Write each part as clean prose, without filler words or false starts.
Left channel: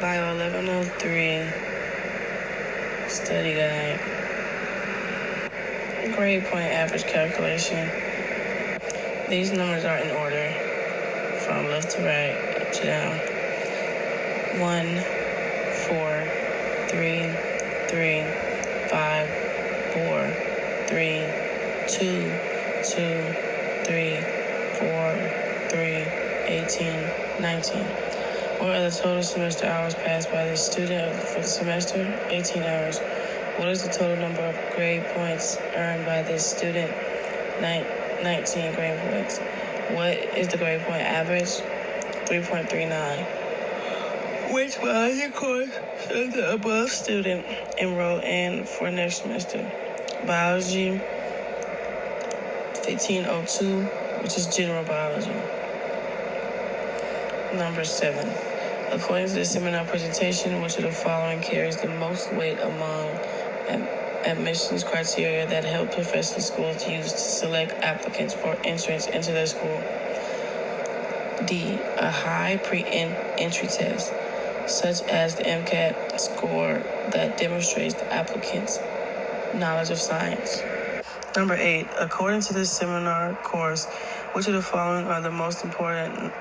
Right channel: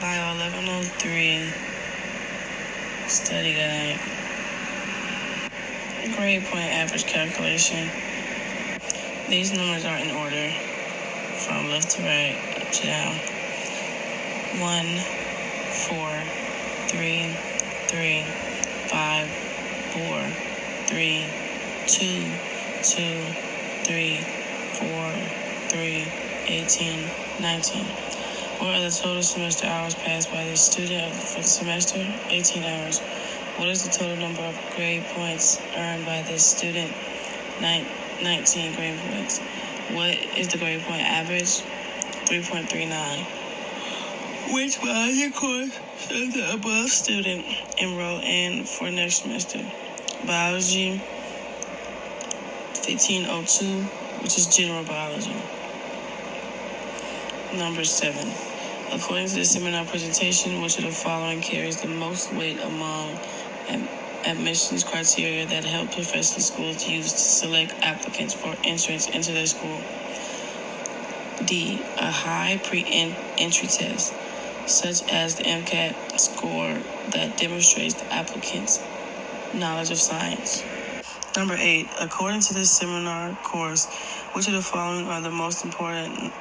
Bio 1103 Study Guide. Grade point average calculation. These numbers are in order from left to right, up to down. 1, 4, 3, 3, 5, 4, 3, 2, 2, 3, 4, 3, 18, 19. What are the total semester hours passed by the student for the semester? 18 hours. What is the total number of grade points earned by this student? 19 grade points. What is the grade point average? 3.39. Which biology course should the above student enroll in for next semester? Biology 1502, which is general biology. Number 7. According to the seminar presentation, which of the following carries the most weight among admissions criteria that help professional schools use to select applicants for entrance into their school? D. A high pre-entry test, such as the MCAT score that demonstrates the applicant's knowledge of science. Number 8. According to this seminar course, which of the following are the most important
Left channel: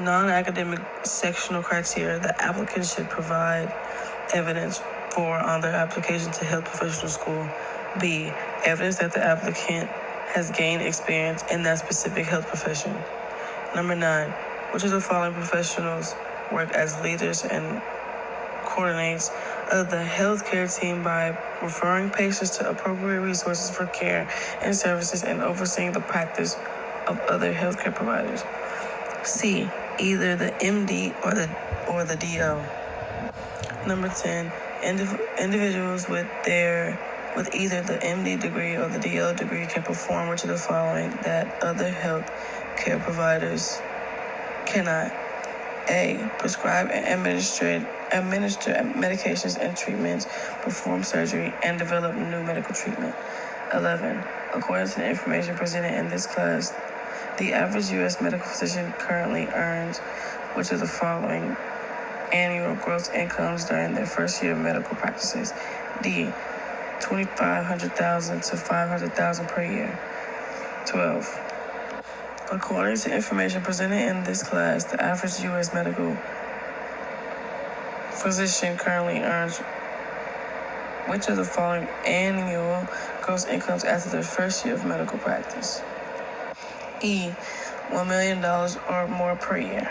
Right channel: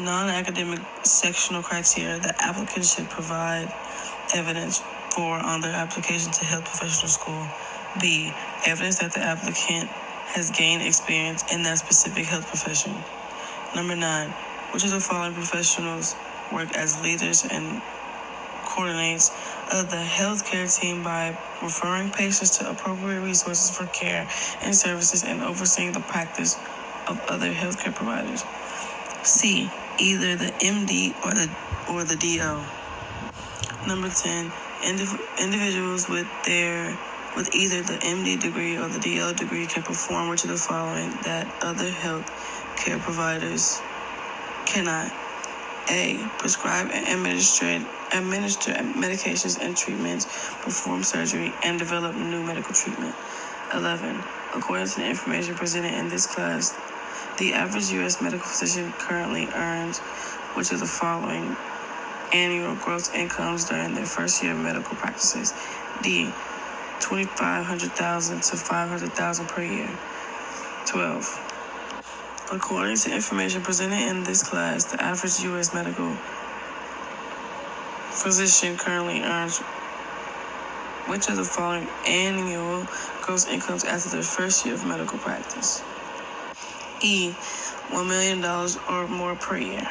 non-academic sectional criteria that applicants should provide evidence for on their application to health professional school? B. Evidence that the applicant has gained experience in that specific health profession. Number 9. Which of the following professionals work as leaders and coordinates of the healthcare team by referring patients to appropriate resources for care and services and overseeing the practice of other healthcare providers? C. Either the MD or the DO. Number 10. Individuals with either the MD degree or the DO degree can perform which of the following that other health care providers cannot? A. Prescribe and administer medications and treatments, perform surgery, and develop new medical treatment. 11. According to the information presented in this class, the average U.S. medical physician currently earns which of the following annual gross incomes during their first year of medical practices? D. $2,500,000 to $500,000 per year. 12. According to information presented in this class, the average U.S. medical physician currently earns which of the following annual gross incomes after their first year of medical practice? E. $1 million or more per year.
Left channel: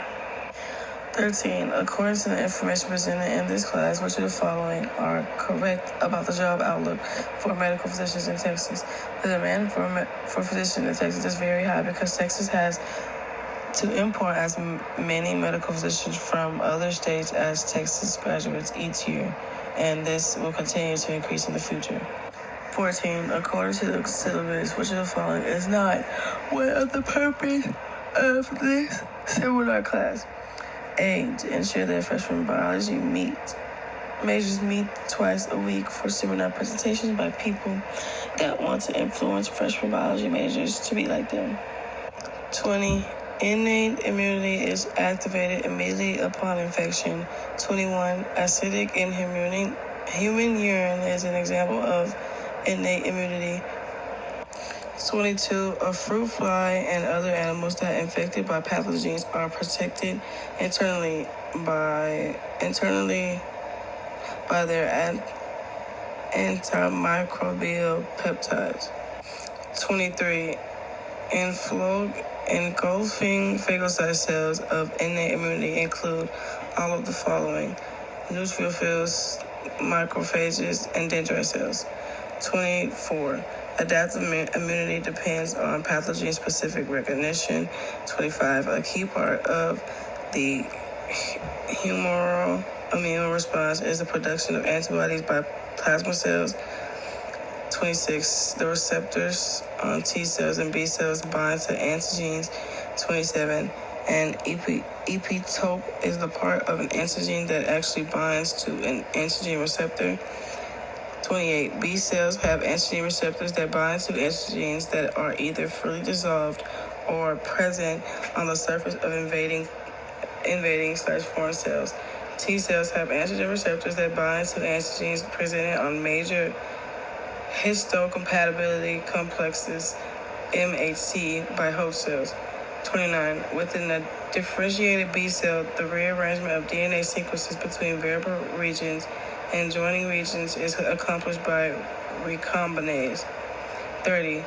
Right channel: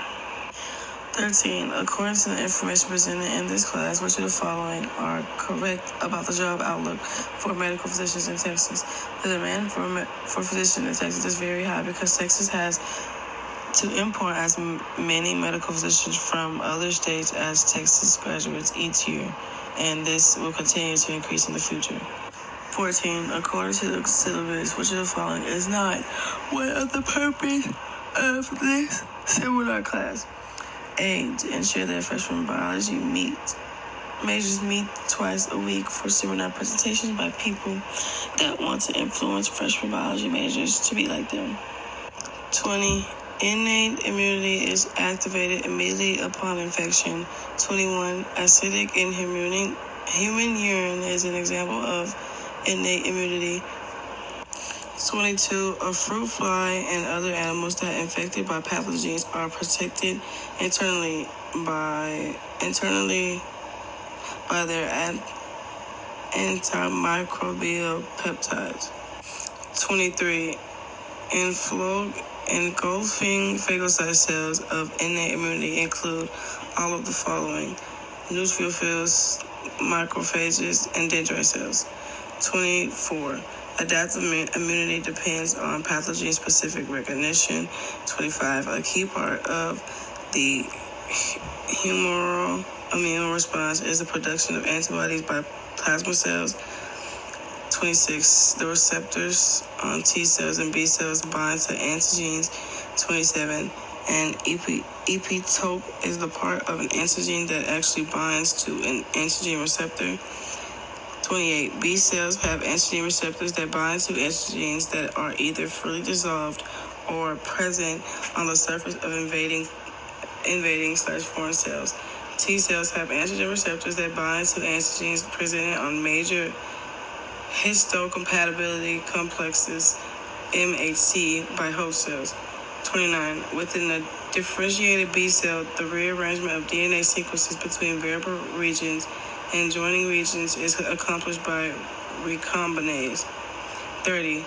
13. According to the information presented in this class, which of the following are correct about the job outlook for medical physicians in Texas? The demand for physicians in Texas is very high because Texas has to import as many medical physicians from other states as Texas graduates each year, and this will continue to increase in the future. 14. According to the syllabus, which of the following is not one of the purpose of this seminar class? A. To ensure that freshman biology majors meet twice a week for seminar presentations by people that want to influence freshman biology majors to be like them. 20. Innate immunity is activated immediately upon infection. 21. Acidic in human urine is an example of innate immunity. 22. A fruit fly and other animals that are infected by pathogens are protected internally by their antimicrobial peptides. 23. Engulfing phagocyte cells of innate immunity include all of the following: neutrophils, macrophages, and dendritic cells. 24. Adaptive immunity depends on pathogen-specific recognition. 25. A key part of the humoral immune response is the production of antibodies by plasma cells. 26. The receptors on T cells and B cells bind to antigens. 27. An epitope is the part of an antigen that actually binds to an antigen receptor. 28. B cells have antigen receptors that bind to antigens that are either fully dissolved or present on the surface of invading/foreign cells. T cells have antigen receptors that bind to antigens presented on major histocompatibility complexes, MHC, by host cells. 29. Within a differentiated B cell, the rearrangement of DNA sequences between variable regions and joining regions is accomplished by recombinase. 30.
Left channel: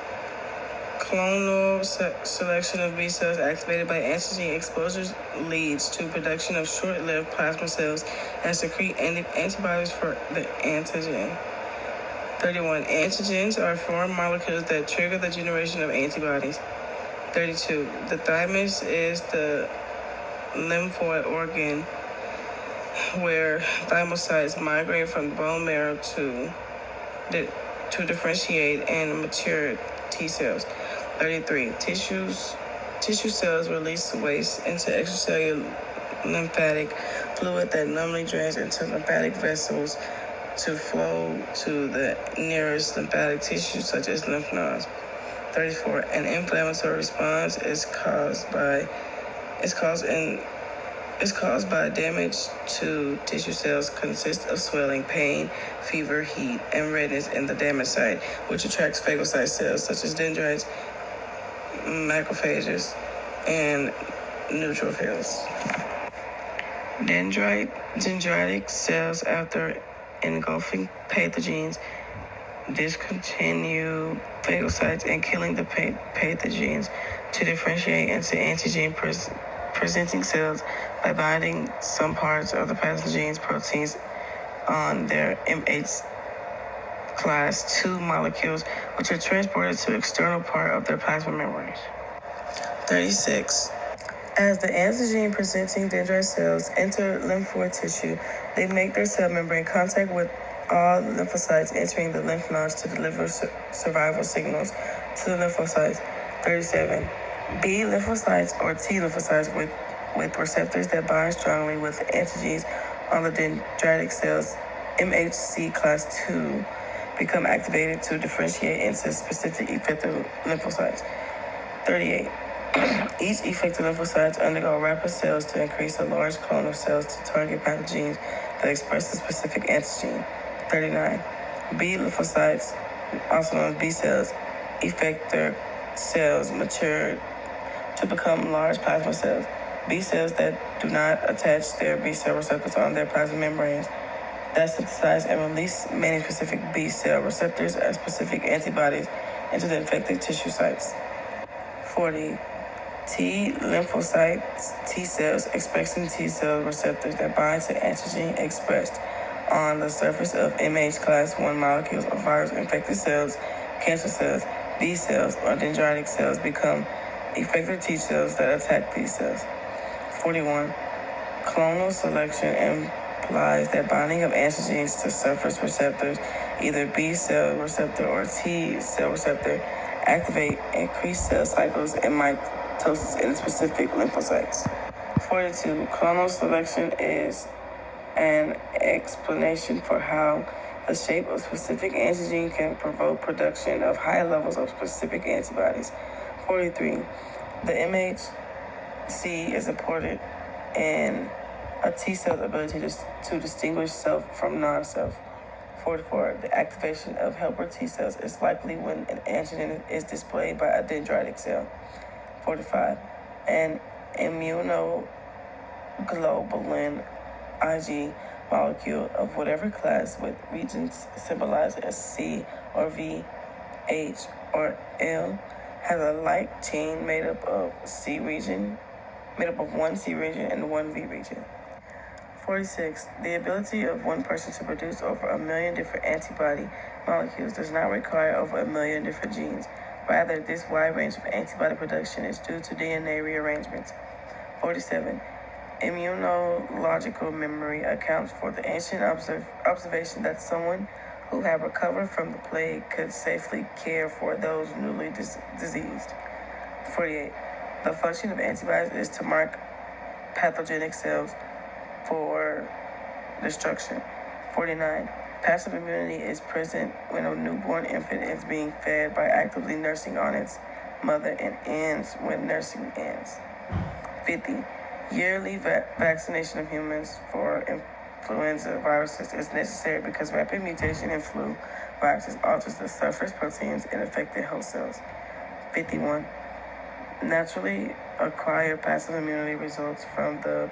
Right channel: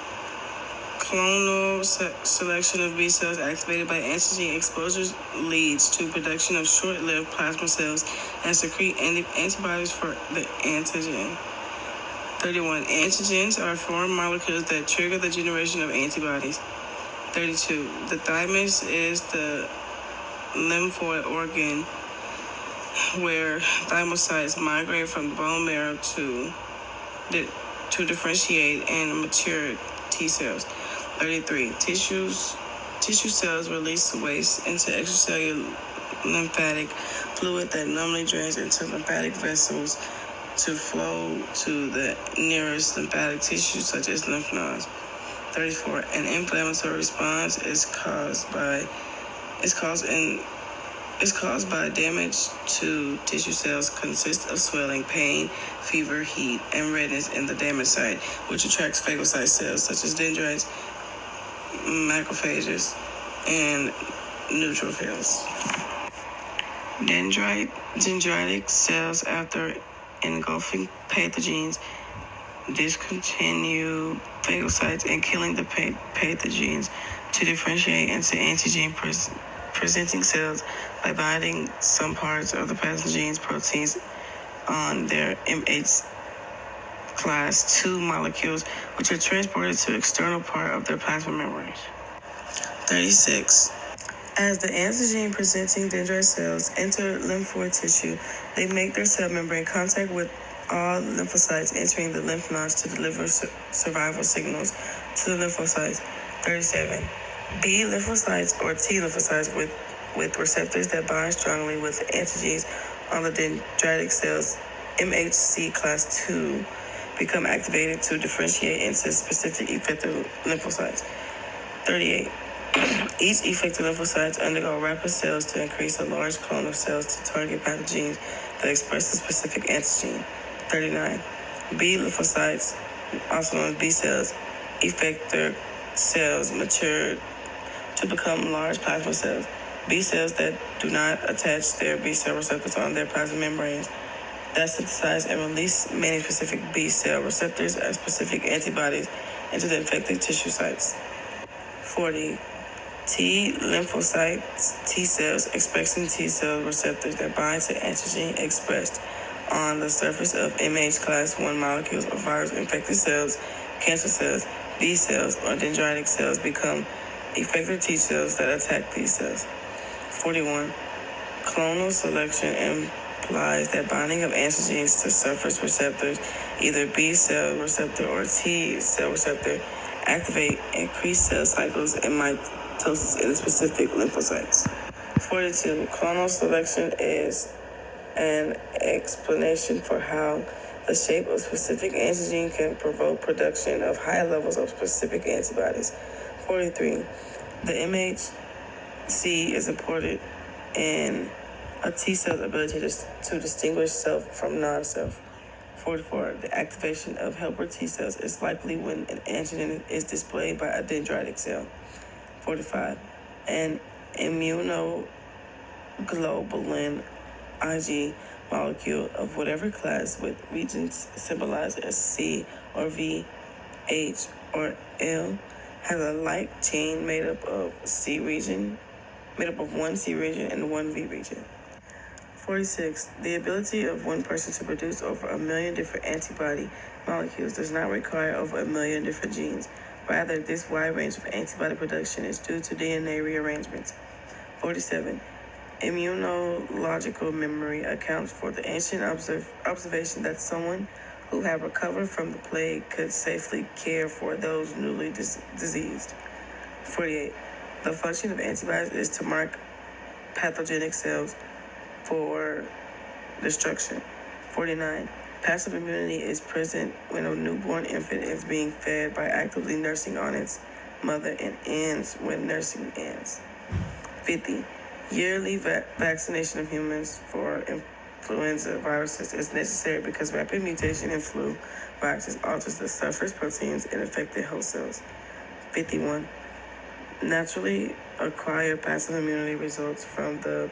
Clonal selection of B cells activated by antigen exposures leads to production of short-lived plasma cells and secrete antibodies for the antigen. 31. Antigens are foreign molecules that trigger the generation of antibodies. 32. The thymus is the lymphoid organ where thymocytes migrate from the bone marrow to differentiate and mature T cells. 33. Tissue cells release waste into extracellular lymphatic fluid that normally drains into lymphatic vessels to flow to the nearest lymphatic tissue, such as lymph nodes. 34. An inflammatory response is caused by damage to tissue cells, consists of swelling, pain, fever, heat, and redness in the damaged site, which attracts phagocyte cells such as dendrites, macrophages, and neutrophils. Dendritic cells, after engulfing pathogens, discontinue phagocytes and killing the pathogens to differentiate into antigen-presenting cells by binding some parts of the pathogen's proteins on their MH class II molecules, which are transported to external part of their plasma membranes. 36. As the antigen-presenting dendrite cells enter lymphoid tissue, they make their cell membrane contact with all lymphocytes entering the lymph nodes to deliver survival signals to the lymphocytes. 37. B lymphocytes or T lymphocytes with receptors that bind strongly with antigens on the dendritic cells, MHC class II, become activated to differentiate into specific effector lymphocytes. 38. Each effector lymphocytes undergo rapid cells to increase a large clone of cells to target pathogens that express a specific antigen. 39. B lymphocytes, also known as B cells, effector cells mature to become large plasma cells. B cells that do not attach their B cell receptors on their plasma membranes that synthesize and release many specific B cell receptors as specific antibodies into the infected tissue sites. 40. T lymphocytes, T cells, expressing T cell receptors that bind to antigen expressed on the surface of MH class I molecules of virus-infected cells, cancer cells, B cells, or dendritic cells become effector T cells that attack these cells. 41. Clonal selection implies that binding of antigens to surface receptors, either B cell receptor or T cell receptor, activate increased cell cycles and mitosis in specific lymphocytes. 42. Clonal selection is an explanation for how the shape of specific antigen can provoke production of high levels of specific antibodies. 43. The MHC is important in a T cell's ability to distinguish self from non-self. 44. The activation of helper T cells is likely when an antigen is displayed by a dendritic cell. 45. An immunoglobulin Ig molecule of whatever class with regions symbolized as C or V, H, or L has a like chain made up of one C region and one V region. 46. The ability of one person to produce over 1 million different antibody molecules does not require over 1 million different genes. Rather, this wide range of antibody production is due to DNA rearrangements. 47. Immunological memory accounts for the ancient observation that someone who had recovered from the plague could safely care for those newly diseased. 48. The function of antibodies is to mark pathogenic cells for destruction. 49. Passive immunity is present when a newborn infant is being fed by actively nursing on its mother and ends when nursing ends. 50. Yearly vaccination of humans for influenza viruses is necessary because rapid mutation in flu viruses alters the surface proteins in affected host cells. 51. Naturally acquired passive immunity results from the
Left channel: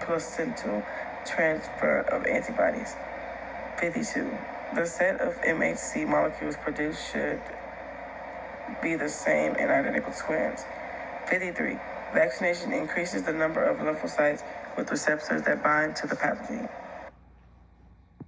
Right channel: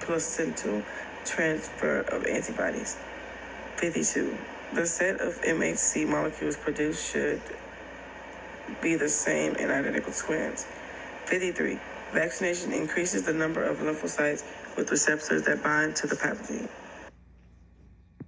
placental transfer of antibodies. 52. The set of MHC molecules produced should be the same in identical twins. 53. Vaccination increases the number of lymphocytes with receptors that bind to the pathogen.